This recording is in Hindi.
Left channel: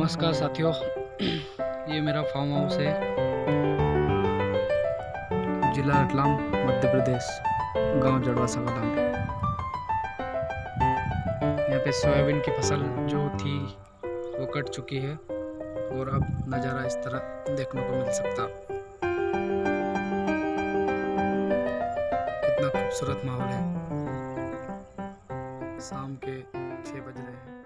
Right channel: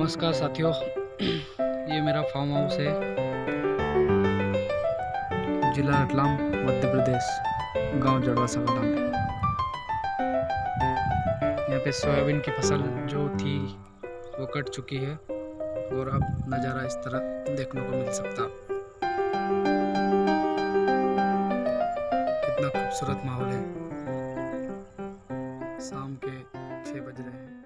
नमस्कार साथियों, ये मेरा फार्म हाउस है, जिला रतलाम, मध्य प्रदेश, गांव जड़वासा कलां में। यहाँ पे सोयाबीन की फसल जो थी वो कट चुकी है और अब नज़ारा इस तरह देखने को मिल सकता। कितना खूबसूरत माहौल है। शाम के 6 बज रहे हैं।